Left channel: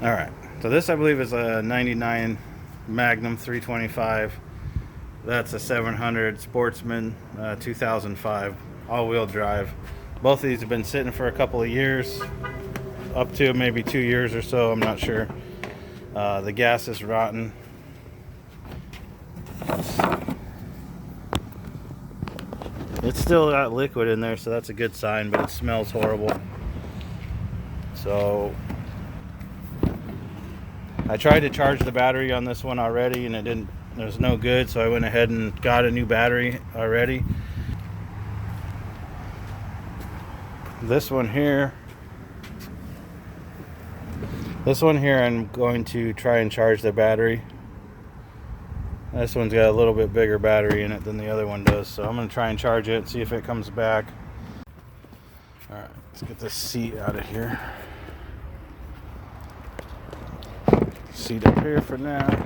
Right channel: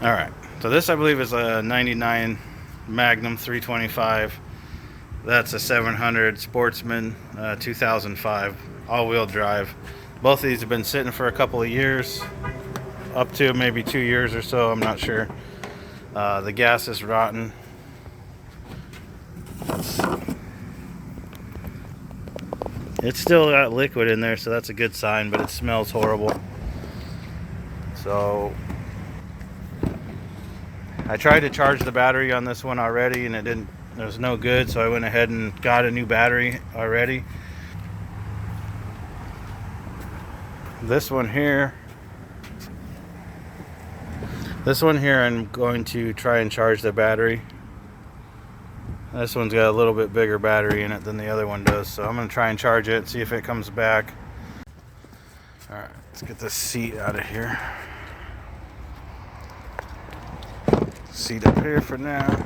All right, so this I believe is a 99 Magnum 325. That's a 700 Sportsman 2005 all-wheel drive. Both of these have been sitting for a couple of years, up to maybe 2 years or so, I'm not sure. The gas is rotten. It's still got liquid in there, so that's a good sign, but it smells horrible. So I tried to charge the battery on this one already, and it was no good, so I went ahead and got a new battery already. This one here I'm going to try and charge the battery. This one's got a little bit bigger battery in it than the other one does, so I'm going to try and charge it, see if it comes back. Alright, let's get this seat out of here. Seat up here for now.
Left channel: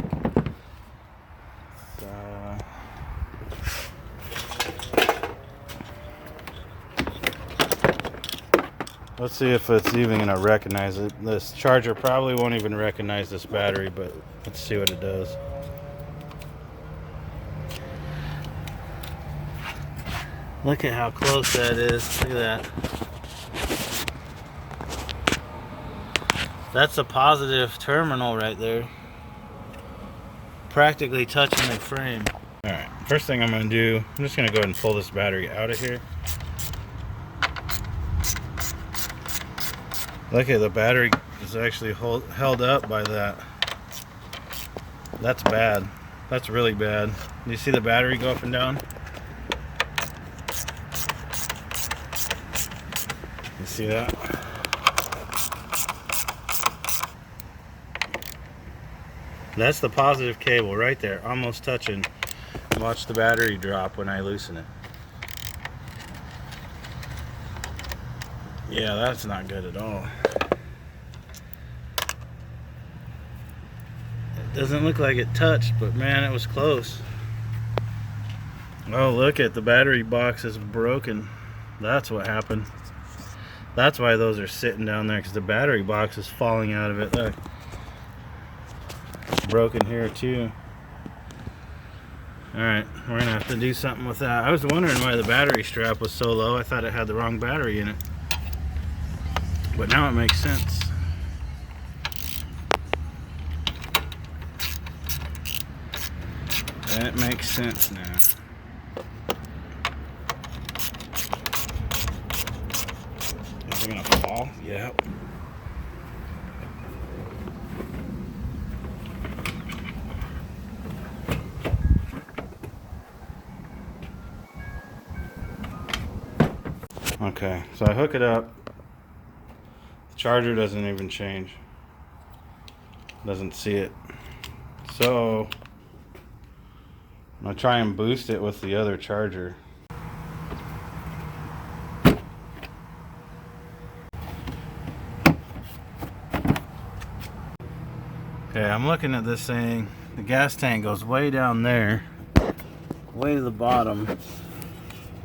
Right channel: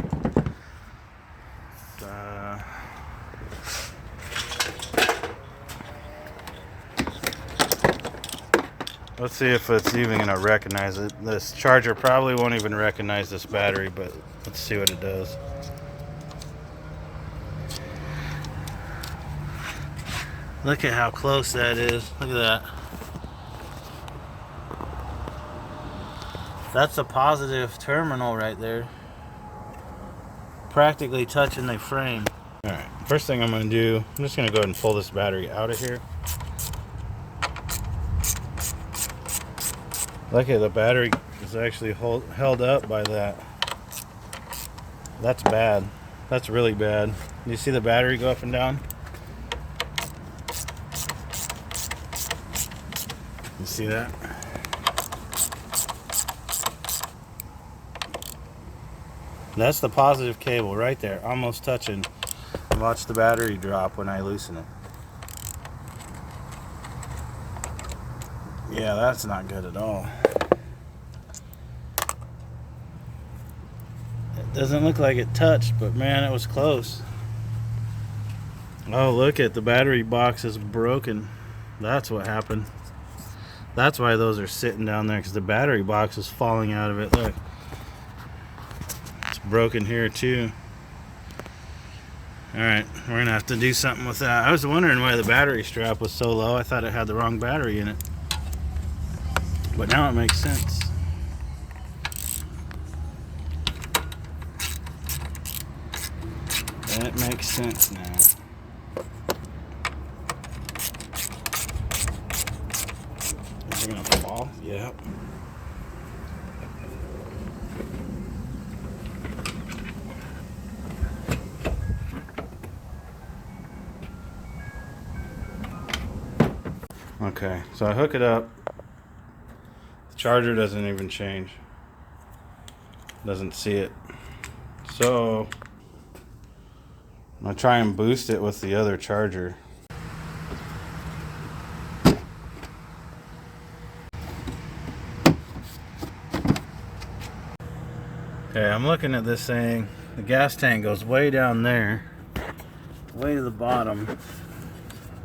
Let's see if it's even going to recognize it. This charger probably won't even recognize this battery, but let's see what it does. Look at how close that is. Look at that. That's a positive terminal right there. Practically touching the frame. Alright, first thing I'm going to do, I'm just going to go ahead and pull this battery out of here. Look at the battery is actually held up by that. That's bad. That's really bad. You see the battery go up and down? You see that? That's the positive cable right there, almost touching. Watch the battery drop when I loosen it. Yeah, that's not good at all. It doesn't look like it touched, but man, it was close. Oh, look at the battery box is broken. That's what happened. That's why those are sitting down there, because the battery box is falling out of it. Look. It's broken here too. Alright, we're gonna have to do something with that. I was wondering why the battery strap was so low. I thought it had the wrong battery in it. But now it makes sense. That makes sense now. Is it gonna fall? Yep. Okay, so I hook it up. The charger doesn't even change. Doesn't see it. So I'm gonna try and boost it with the other charger. Okay, I'm looking at this thing. The gas tank goes way down there, way to the bottom.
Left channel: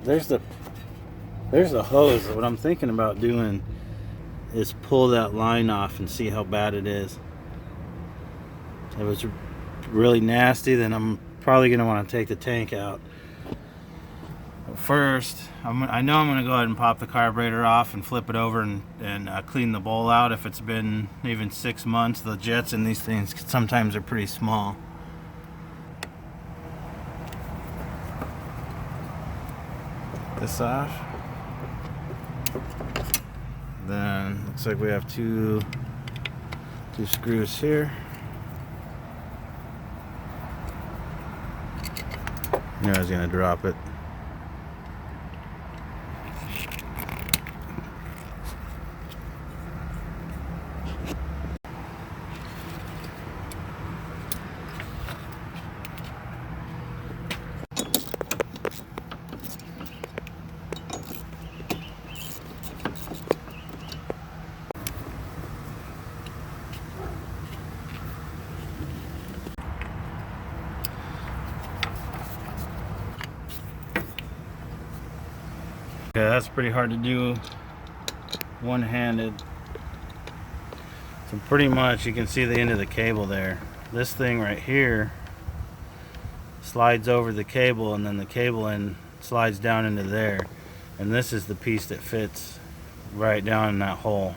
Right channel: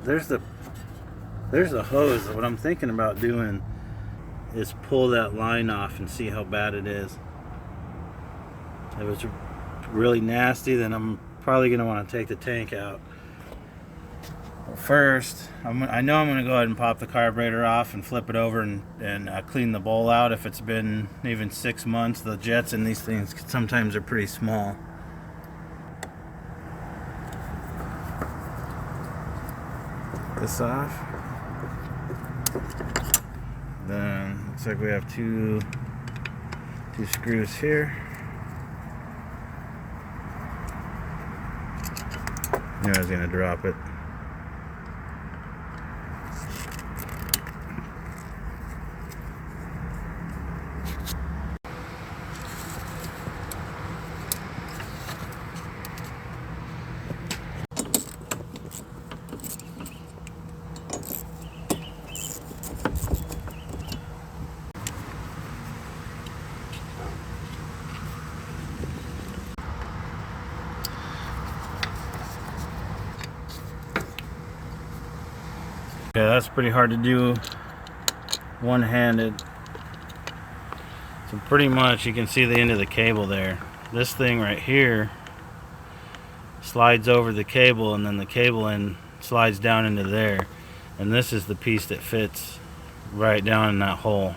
There's the hose. What I'm thinking about doing is pull that line off and see how bad it is. If it was really nasty, then I'm probably going to want to take the tank out. But first, I know I'm going to go ahead and pop the carburetor off and flip it over and clean the bowl out. If it's been even 6 months, the jets in these things sometimes are pretty small. This off. Then looks like we have two screws here. Knew I was gonna drop it. Yeah, that's pretty hard to do one-handed. So pretty much you can see the end of the cable there. This thing right here slides over the cable, and then the cable end slides down into there. And this is the piece that fits right down in that hole.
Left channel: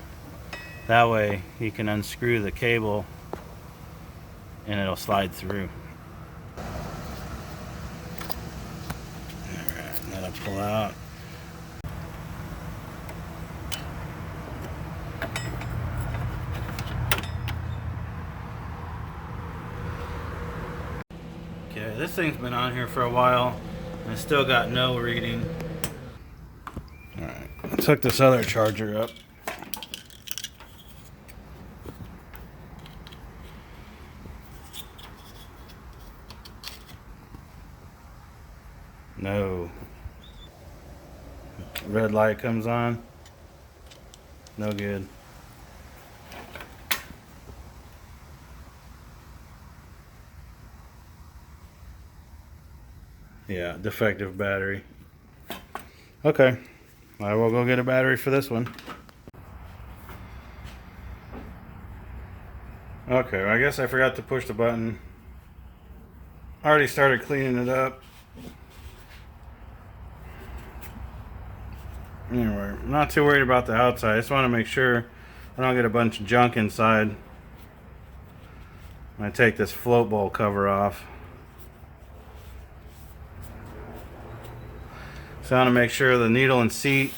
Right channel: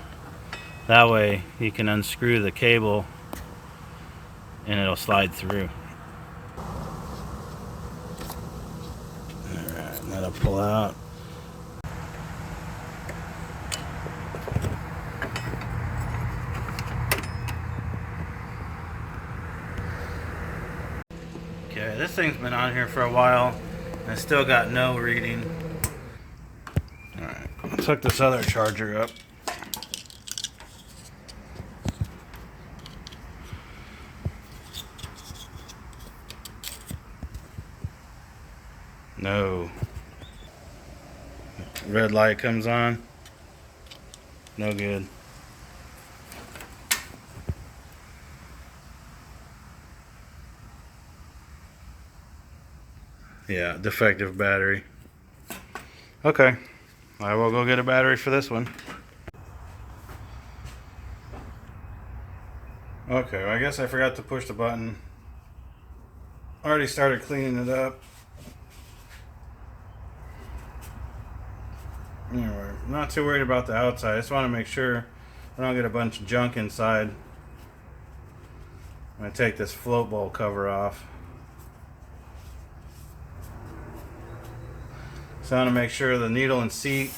That way you can unscrew the cable and it'll slide through. Alright, that'll pull out. Okay, this thing's been on here for a while and it's still got no reading. Alright, I took this other charger up. No. Red light comes on. No good. Yeah, defective battery. Okay, I will go get a battery for this one. Okay, well, I guess I forgot to push the button. Already started cleaning it up. Anyway, I'm not too worried about the outside. I just want to make sure I don't get a bunch of junk inside when I take this float bowl cover off. So I want to make sure the needle and seat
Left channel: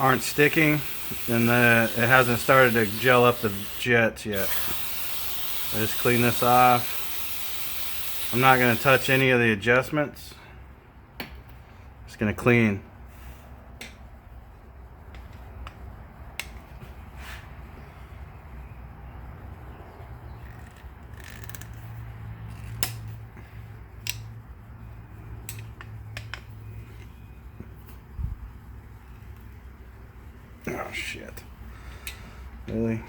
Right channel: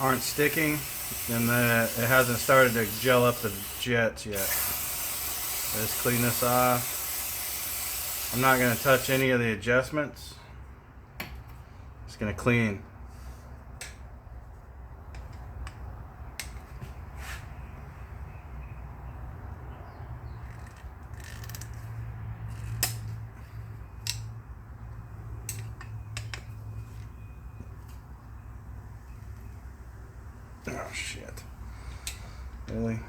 aren't sticking and that it hasn't started to gel up the jets yet. I just clean this off. I'm not going to touch any of the adjustments. Just going to clean. Oh shit. Really?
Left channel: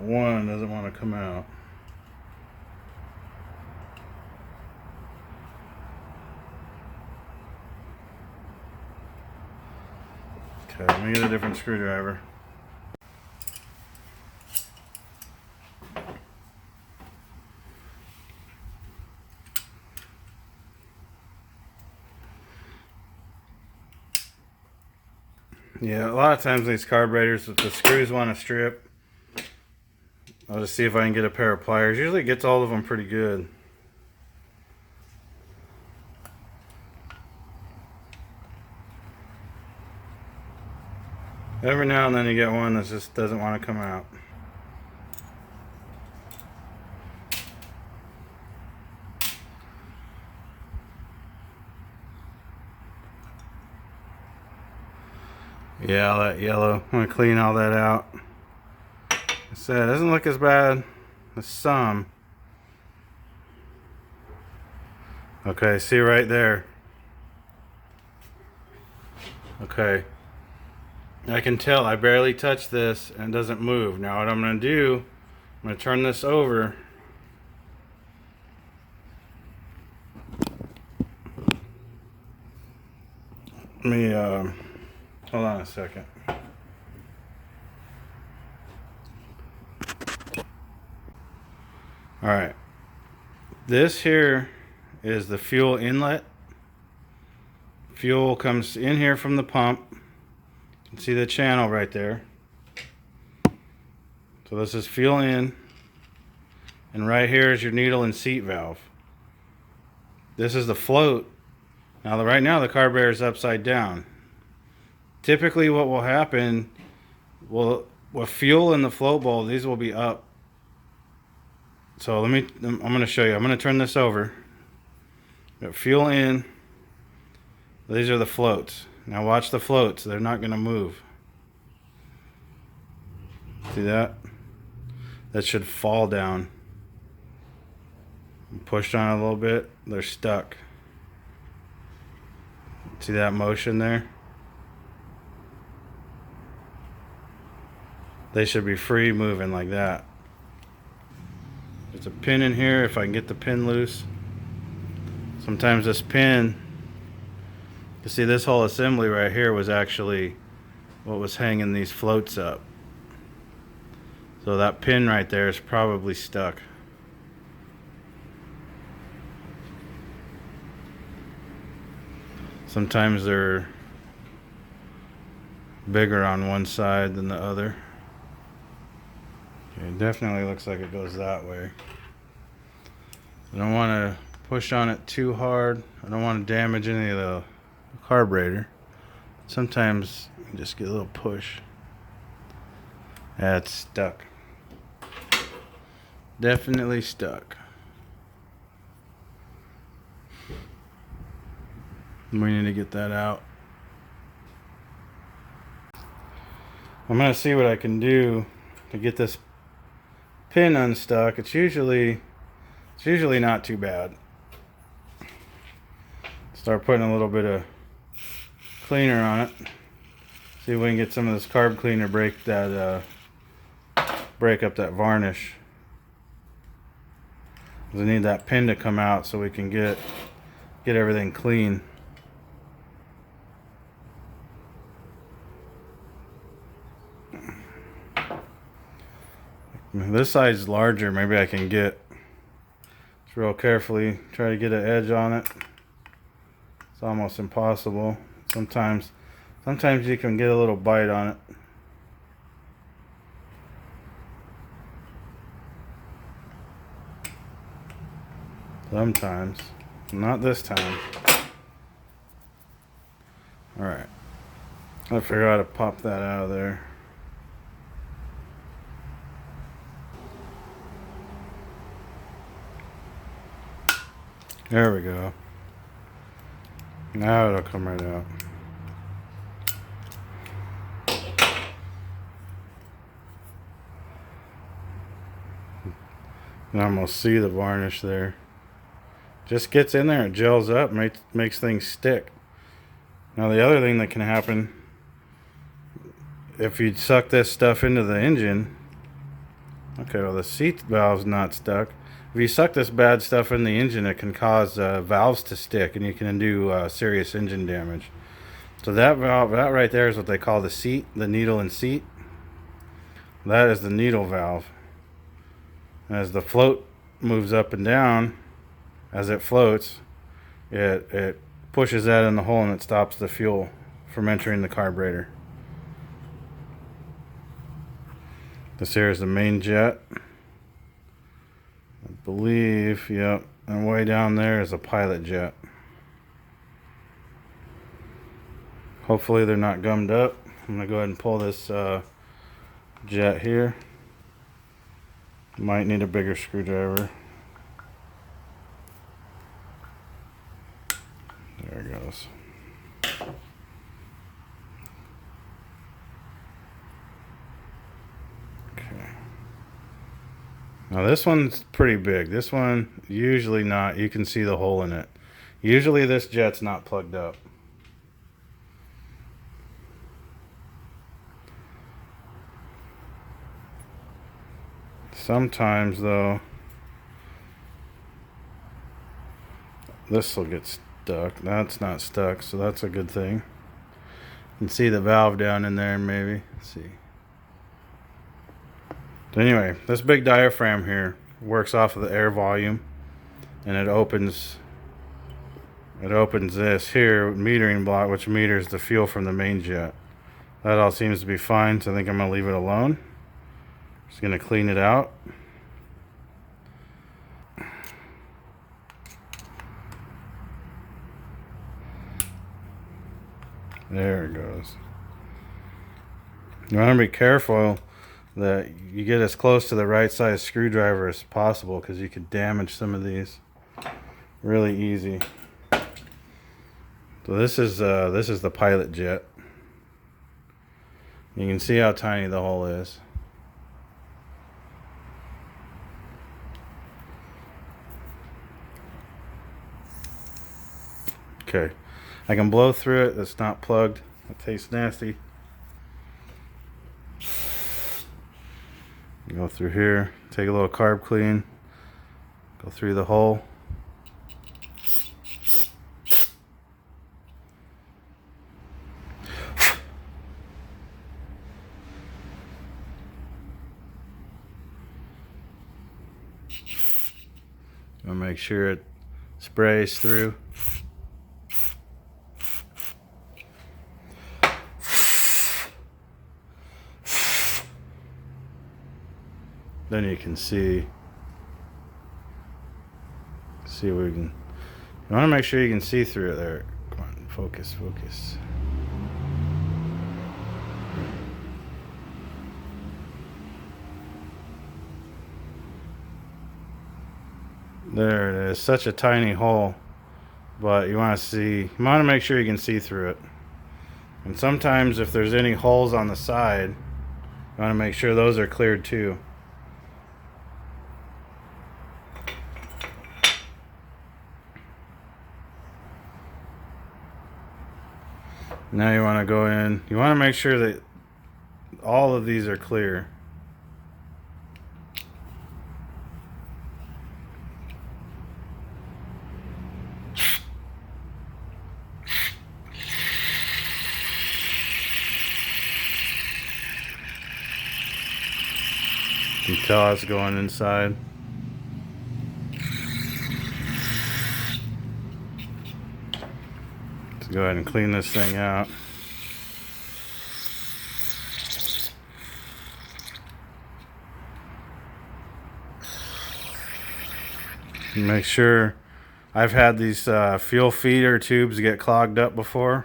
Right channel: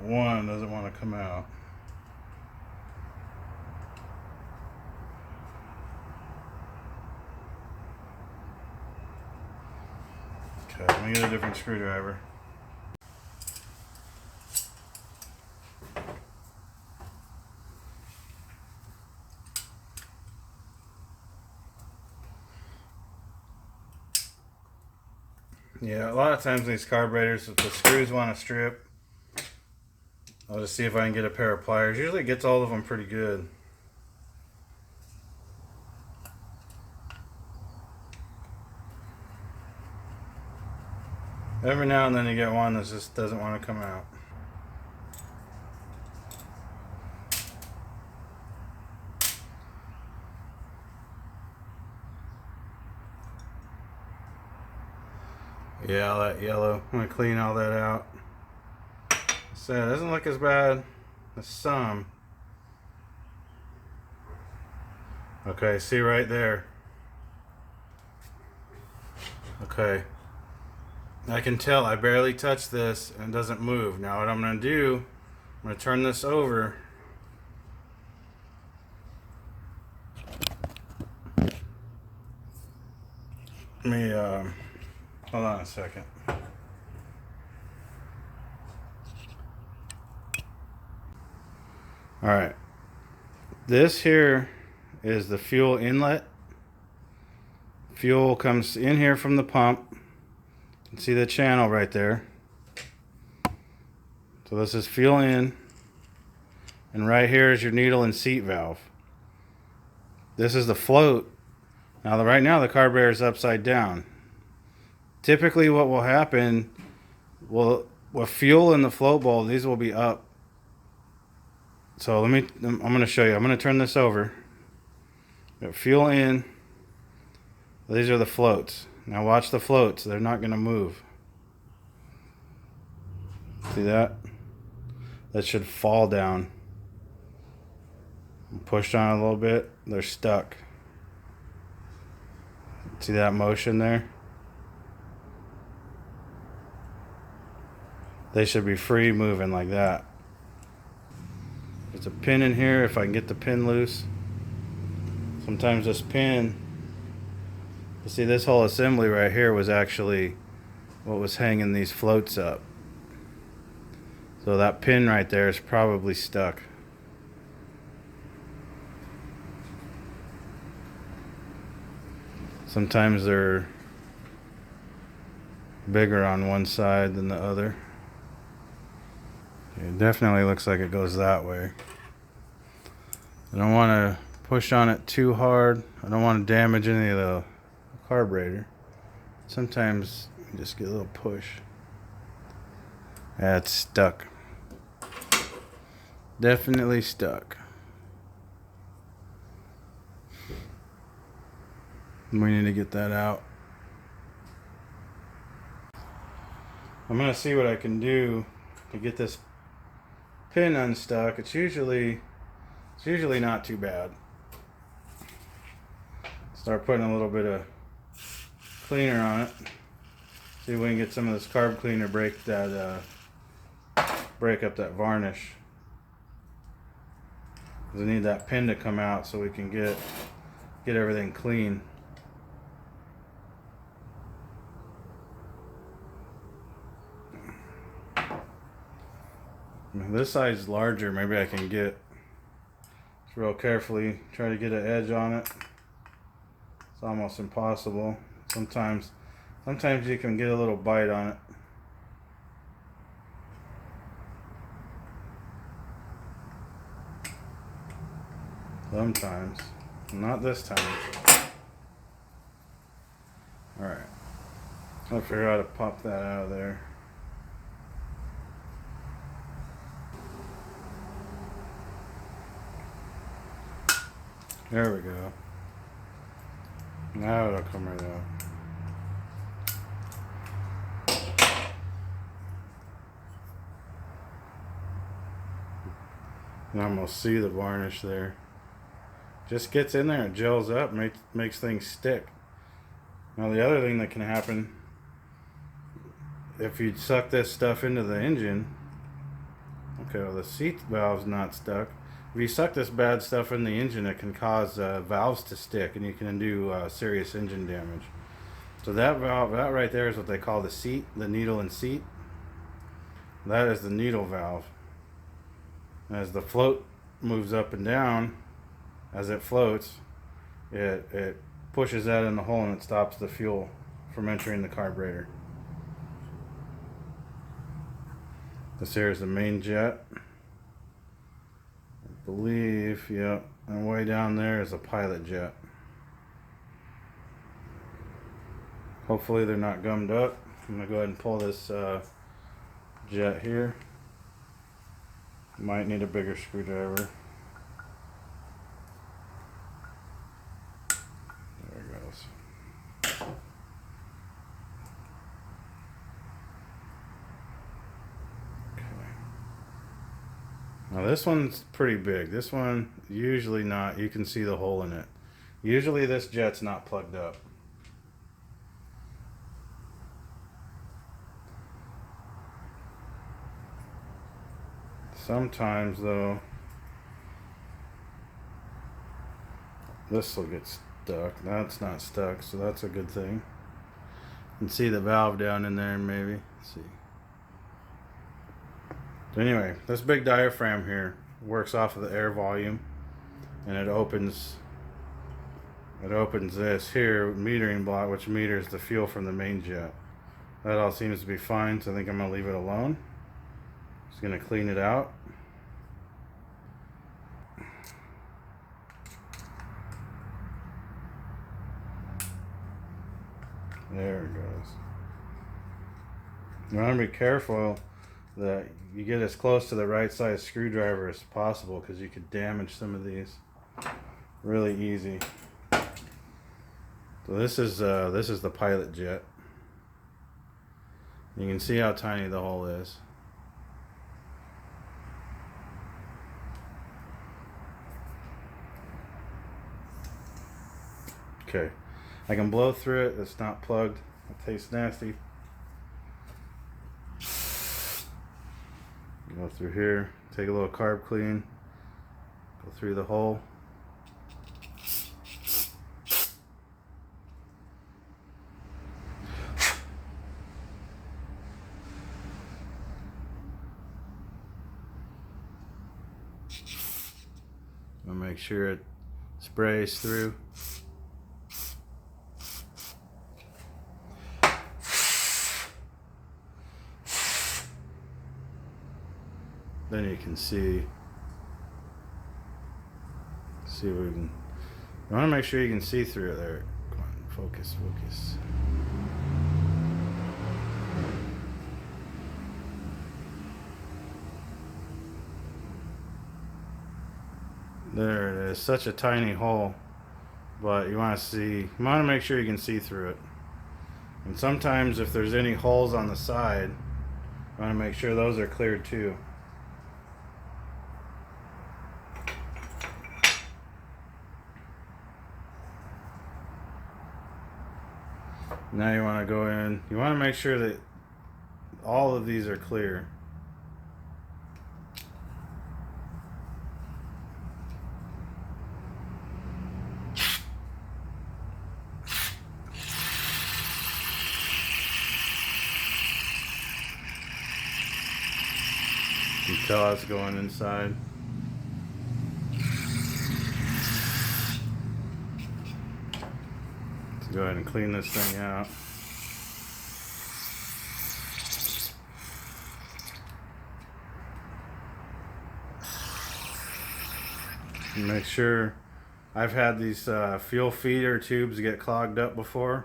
One doesn't want to come out. Okay, let me get a different screwdriver. Yeah, a lot of times these carburetors, if the screws want to strip, I'll just see if I can get a pair of pliers. Usually it gets all of them pretty good. Every now and then you get one that just doesn't want to come out. Yeah, all that yellow. I'm going to clean all that out. I said, it doesn't look as bad as some. Okay, see right there. Okay. I can tell I barely touched this and it doesn't move. Now what I'm going to do, I'm going to turn this over. Let me, hold on a second. Alright. This here is the fuel inlet. Fuel comes in here from the pump. You can see the channel right there. So this is fuel in. And right here is your needle and seat valve. This is the float. Now right now the carburetor is upside down. Typically what will happen, with fuel in the float bowl, these will be up. So I'm going to show you. I'm going to turn this over. Got fuel in. These are the floats. Now watch the floats. They're not going to move. See that? That should fall down. Pushed on a little bit. They're stuck. See that motion there? They should be free moving like that. There's a pin in here if I can get the pin loose. Sometimes this pin You see, this whole assembly right here was actually what was hanging these floats up. So that pin right there is probably stuck. Sometimes they're bigger on one side than the other. Okay, it definitely looks like it goes that way. I don't want to push on it too hard. I don't want to damage any of the carburetor. Sometimes you just get a little push. That's stuck. Definitely stuck. We need to get that out. I'm going to see what I can do to get this pin unstuck. It's usually not too bad. Start putting a little bit of cleaner on it. See if we can get some of this carb cleaner break up that varnish. We need that pin to come out so we can get everything clean. This side's larger. Maybe I can get real carefully try to get an edge on it. It's almost impossible. Sometimes you can get a little bite on it. Sometimes. Not this time. Alright. I figure out how to pop that out of there. There we go. Now it'll come right out. You can almost see the varnish there. Just gets in there, it gels up, makes things stick. Now the other thing that can happen, if you suck this stuff into the engine, okay, well the seat valve's not stuck. If you suck this bad stuff in the engine, it can cause valves to stick, and you can do serious engine damage. So that valve, that right there is what they call the seat, the needle and seat. That is the needle valve. As the float moves up and down, as it floats, it pushes that in the hole and it stops the fuel from entering the carburetor. This here is the main jet. I believe, yep, and way down there is a pilot jet. Hopefully they're not gummed up. I'm going to go ahead and pull this jet here. Might need a bigger screwdriver. There it goes. Okay. Now this one's pretty big. This one, usually not. You can see the hole in it. Usually this jet's not plugged up. Sometimes though, this will get stuck. That's not stuck, so that's a good thing. You can see the valve down in there, maybe. Let's see. But anyway, this big diaphragm here works off of the air volume, and it opens this here metering block, which meters the fuel from the main jet. That all seems to be fine, so I think I'm going to leave it alone. Just going to clean it out. There it goes. You want to be careful that you get as close to the right size screwdriver as possible, because you could damage some of these really easy. So this is the pilot jet. You can see how tiny the hole is. Okay, I can blow through it. It's not plugged. It tastes nasty. Go through here, take a little carb clean, go through the hole. make sure it sprays through. Then you can see we can. You want to make sure you can see through it there. Come on, focus. There it is. Such a tiny hole, but you want to make sure you can see through it. And sometimes if there's any holes on the side, you want to make sure those are cleared too. Now you want to go in, you want to make sure that all of these are clear. You can tell it's going inside. Let's go ahead and clean this thing out. Make sure, I've had these fuel feeder tubes get clogged up before,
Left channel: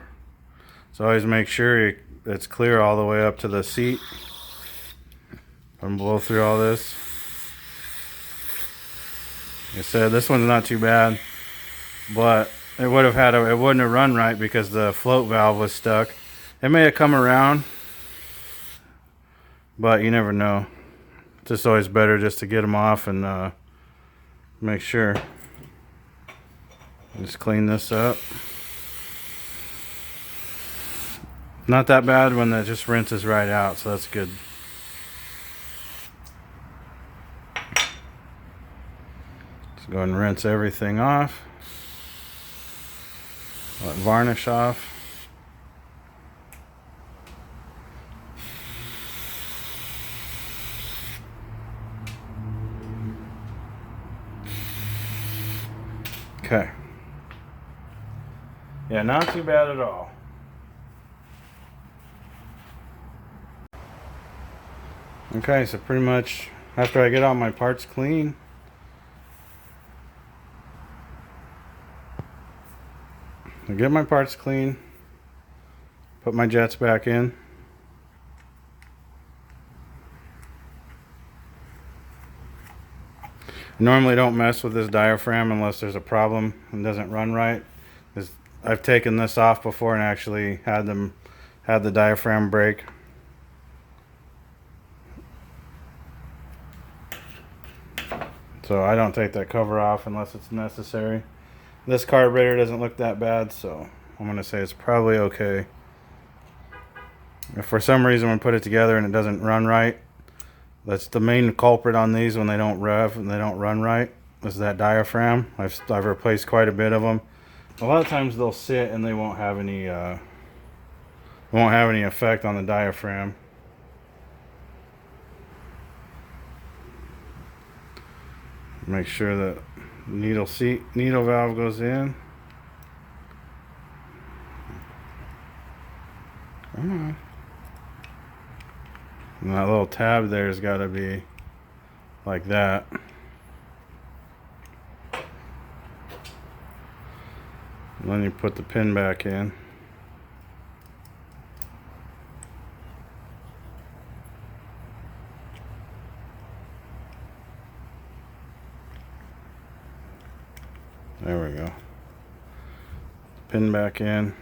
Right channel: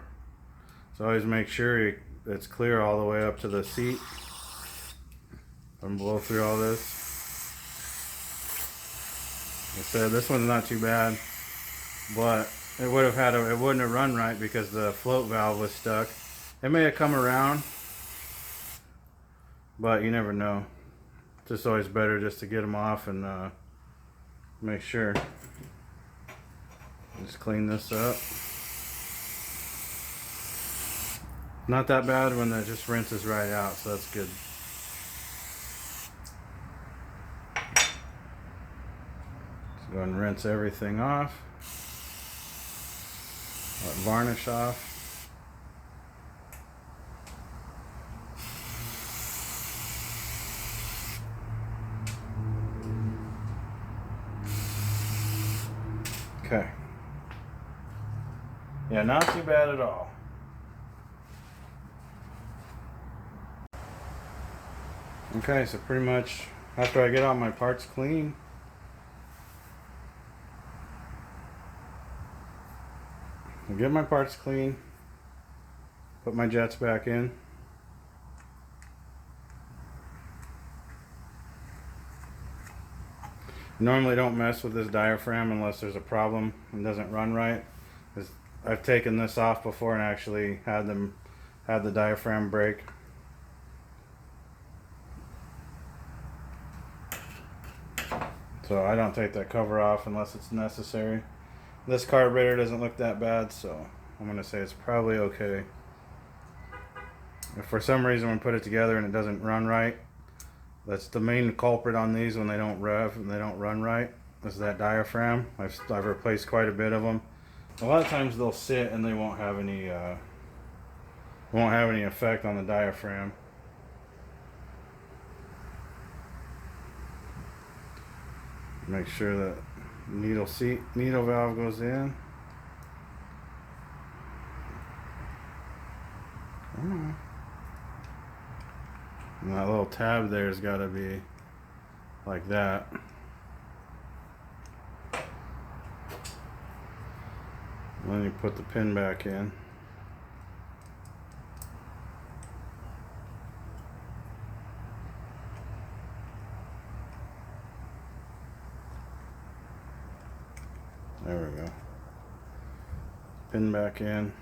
so always make sure it's clear all the way up to the seat. And blow through all this. Like I said, this one's not too bad, but it wouldn't have run right because the float valve was stuck. It may have come around, but you never know. It's just always better just to get them off and make sure. Just clean this up. Not that bad when that just rinses right out, so that's good. Let's go ahead and rinse everything off. Let varnish off. Okay. Yeah, not too bad at all. Okay, so pretty much after I get all my parts clean, I get my parts clean, put my jets back in. Normally don't mess with this diaphragm unless there's a problem and doesn't run right. I've taken this off before and actually had the diaphragm break. So I don't take that cover off unless it's necessary. This carburetor doesn't look that bad, so I'm going to say it's probably okay. If for some reason we put it together and it doesn't run right, that's the main culprit on these when they don't rev and they don't run right, is that diaphragm. I've replaced quite a bit of them. A lot of times they'll sit and they won't have any effect on the diaphragm. Make sure that needle valve goes in. And that little tab there's got to be like that. And then you put the pin back in. There we go. Pin back in.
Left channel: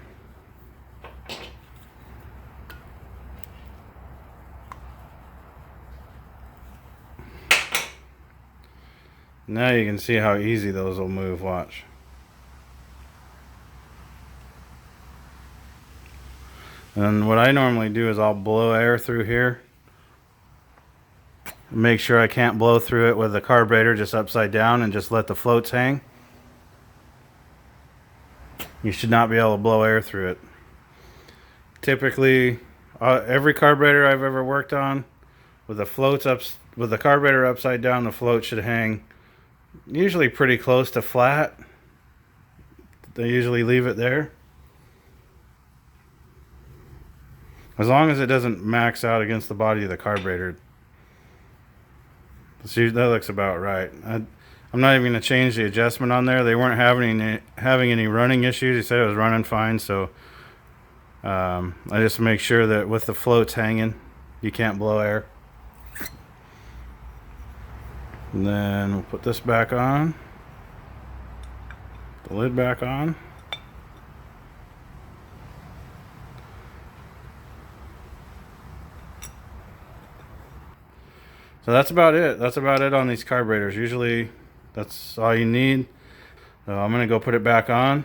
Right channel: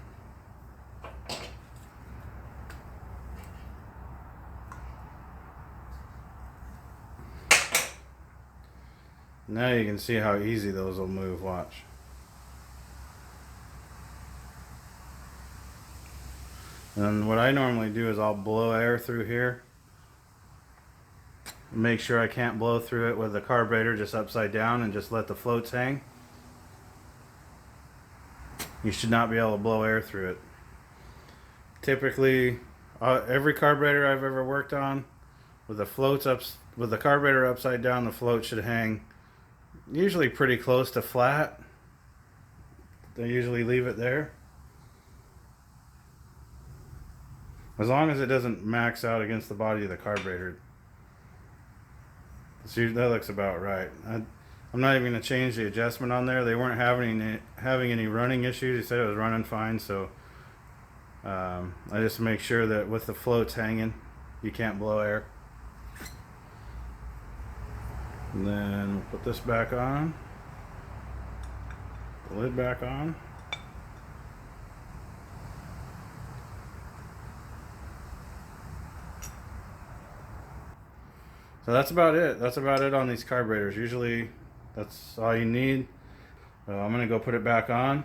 Now you can see how easy those will move, watch. And what I normally do is I'll blow air through here. Make sure I can't blow through it with the carburetor just upside down and just let the floats hang. You should not be able to blow air through it. Typically, every carburetor I've ever worked on, with the carburetor upside down, the float should hang usually pretty close to flat. They usually leave it there. As long as it doesn't max out against the body of the carburetor. See, that looks about right. I'm not even going to change the adjustment on there. They weren't having any running issues. He said it was running fine, so I just make sure that with the floats hanging, you can't blow air. And then we'll put this back on. The lid back on. So that's about it. That's about it on these carburetors. Usually that's all you need. So I'm going to go put it back on.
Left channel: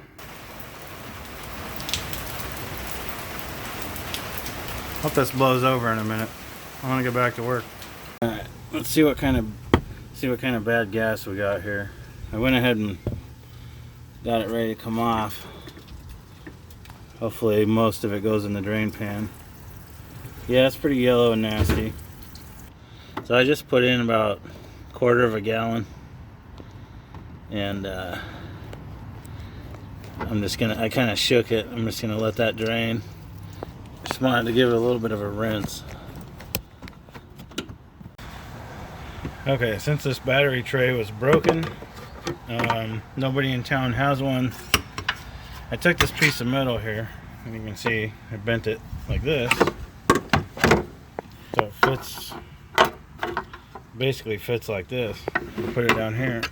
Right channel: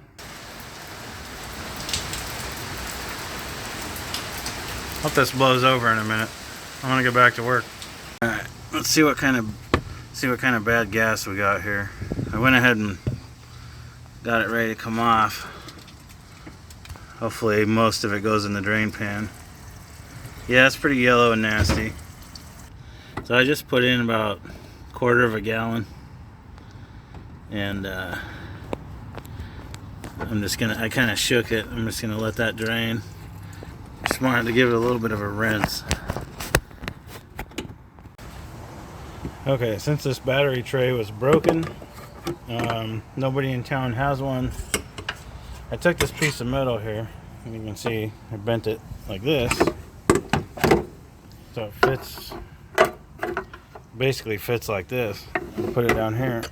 Hope this blows over in a minute. I want to get back to work. All right, let's see what kind of bad gas we got here. I went ahead and got it ready to come off. Hopefully most of it goes in the drain pan. Yeah, it's pretty yellow and nasty. So I just put in about 1/4 of a gallon, and I kind of shook it. I'm just gonna let that drain. Just wanted to give it a little bit of a rinse. Okay, since this battery tray was broken, nobody in town has one. I took this piece of metal here, and you can see I bent it like this, so it fits. Basically fits like this. Put it down here.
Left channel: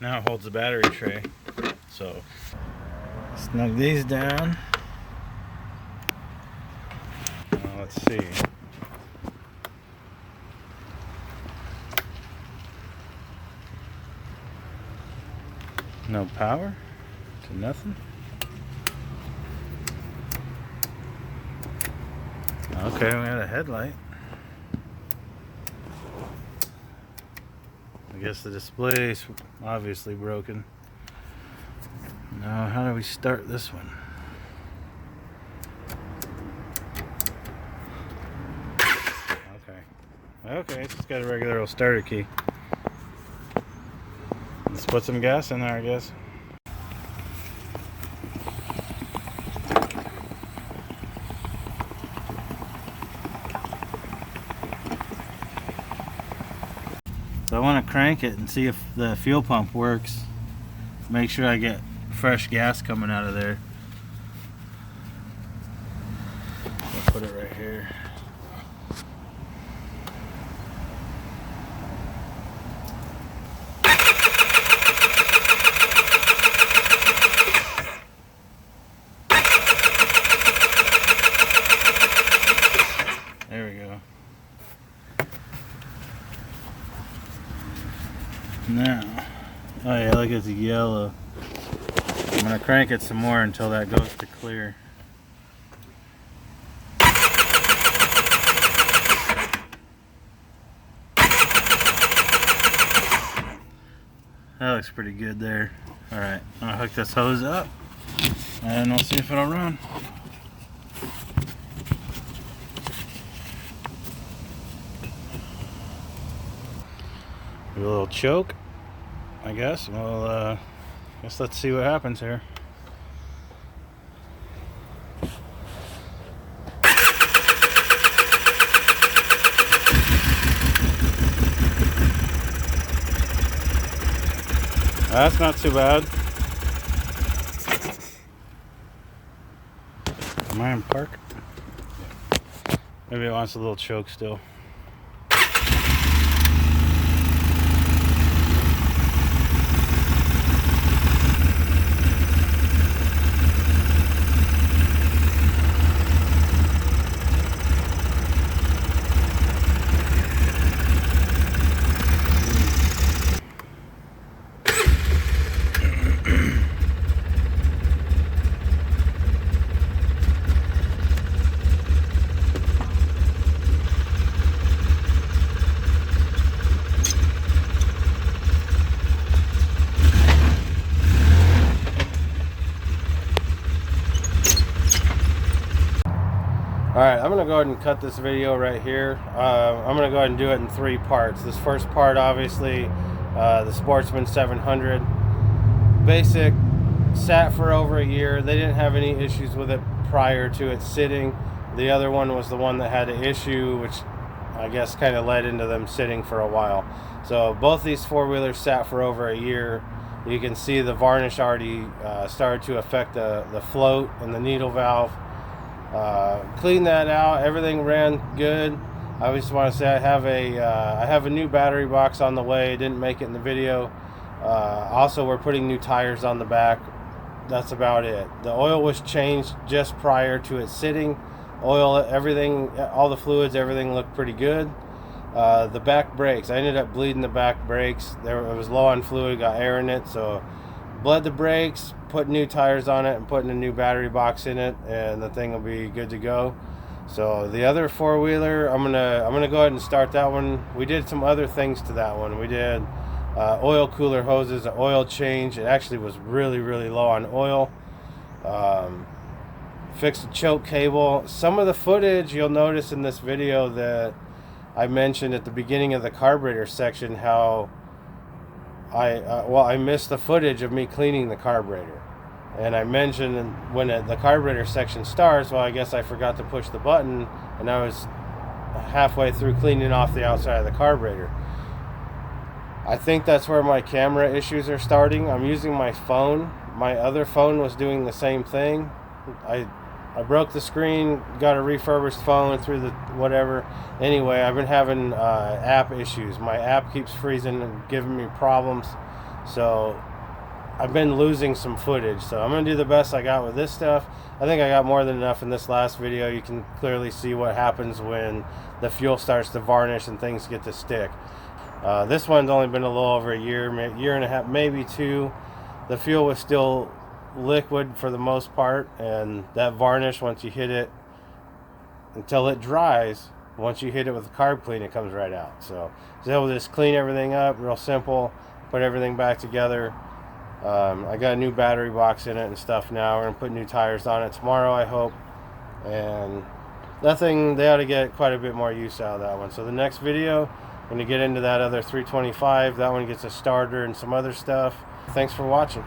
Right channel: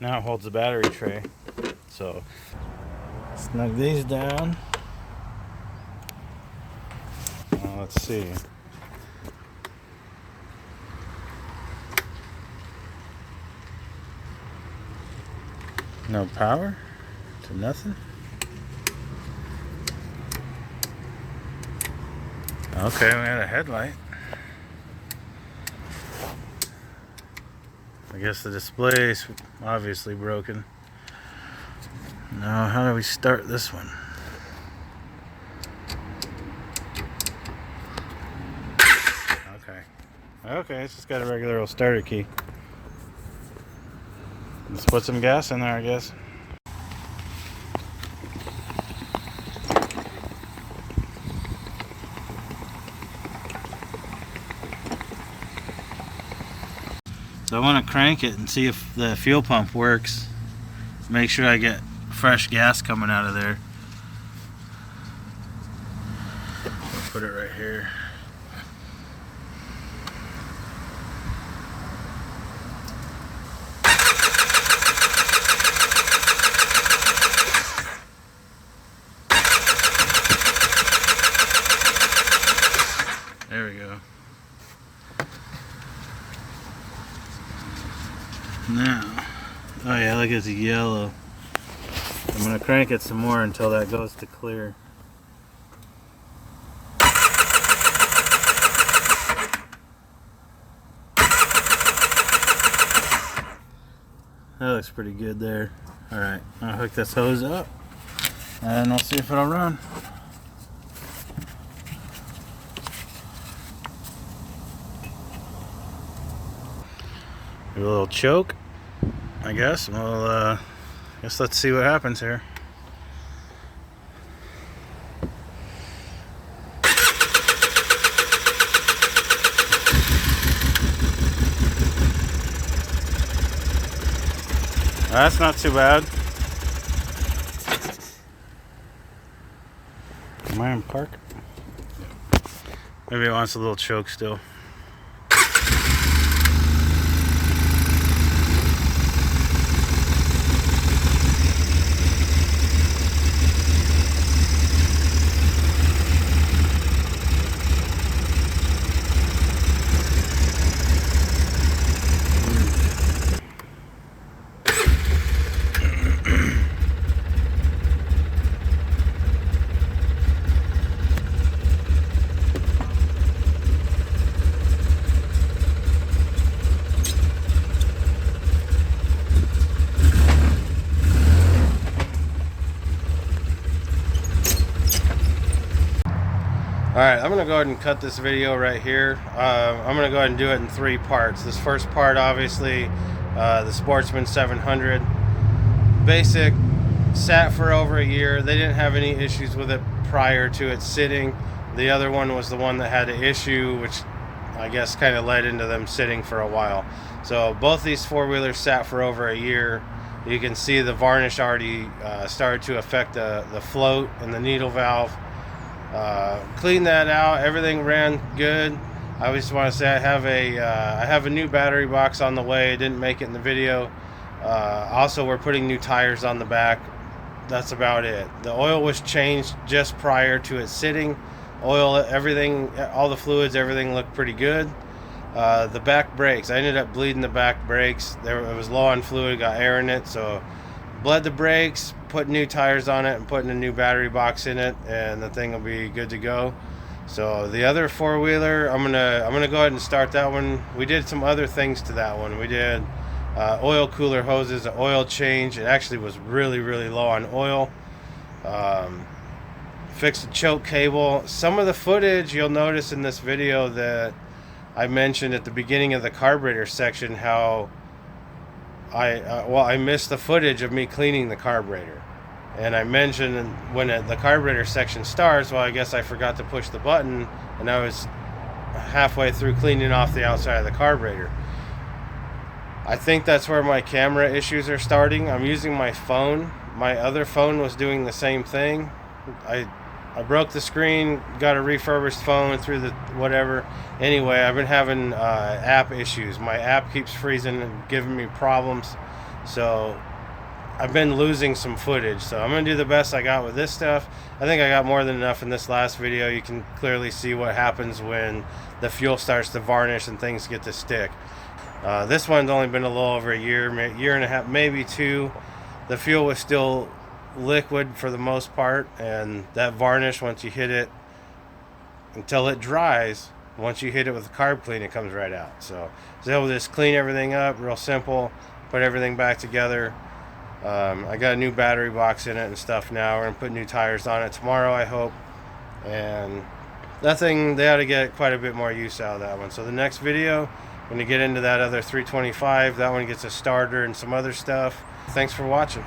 Now it holds the battery tray. So snug these down. Let's see. No power to nothing. Okay, we got a headlight. I guess the display is obviously broken. Now, how do we start this one? Okay, it's just got a regular old starter key. Let's put some gas in there, I guess. So I want to crank it and see if the fuel pump works. Make sure I get fresh gas coming out of there. We'll put it right here. There we go. Now, oh yeah, look, it's yellow. I'm gonna crank it some more until that goes to clear. That looks pretty good there. Alright, I'll hook this hose up and we'll see if it'll run. Do a little choke, I guess. Well, let's see what happens here. That's not too bad. Am I in park? Yeah. Maybe it wants a little choke still. Alright, I'm going to go ahead and cut this video right here. I'm going to go ahead and do it in 3 parts. This first part, obviously, the Sportsman 700. Basic, sat for over a year. They didn't have any issues with it prior to it sitting. The other one was the one that had an issue, which I guess kind of led into them sitting for a while. So both these four-wheelers sat for over a year. You can see the varnish already started to affect the float and the needle valve. Cleaned that out. Everything ran good. I just want to say I have a new battery box on the way. I didn't make it in the video. Also, we're putting new tires on the back. That's about it. The oil was changed just prior to it sitting. Oil, everything, all the fluids, everything looked pretty good. The back brakes, I ended up bleeding the back brakes. It was low on fluid, got air in it, so bled the brakes, put new tires on it, and putting a new battery box in it, and the thing will be good to go. So the other four-wheeler, I'm gonna go ahead and start that one. We did some other things to that one. We did oil cooler hoses, an oil change. It actually was really low on oil. Fixed the choke cable. Some of the footage you'll notice in this video that I mentioned at the beginning of the carburetor section, how I missed the footage of me cleaning the carburetor. And I mentioned when the carburetor section starts, well, I guess I forgot to push the button, and I was halfway through cleaning off the outside of the carburetor. I think that's where my camera issues are starting. I'm using my phone. My other phone was doing the same thing. I broke the screen, got a refurbished phone through the whatever. Anyway, I've been having app issues. My app keeps freezing and giving me problems. So I've been losing some footage. So I'm going to do the best I got with this stuff. I think I got more than enough in this last video. You can clearly see what happens when the fuel starts to varnish and things get to stick. This one's only been a little over a year and a half, maybe 2. The fuel was still liquid for the most part, and that varnish, once you hit it until it dries, once you hit it with a carb clean, it comes right out. So we'll just clean everything up, real simple, put everything back together. I got a new battery box in it and stuff now. We're gonna put new tires on it tomorrow, I hope. And that thing, they ought to get quite a bit more use out of that one. So the next video, I'm gonna get into that other 325. That one gets a starter and some other stuff. Thanks for watching.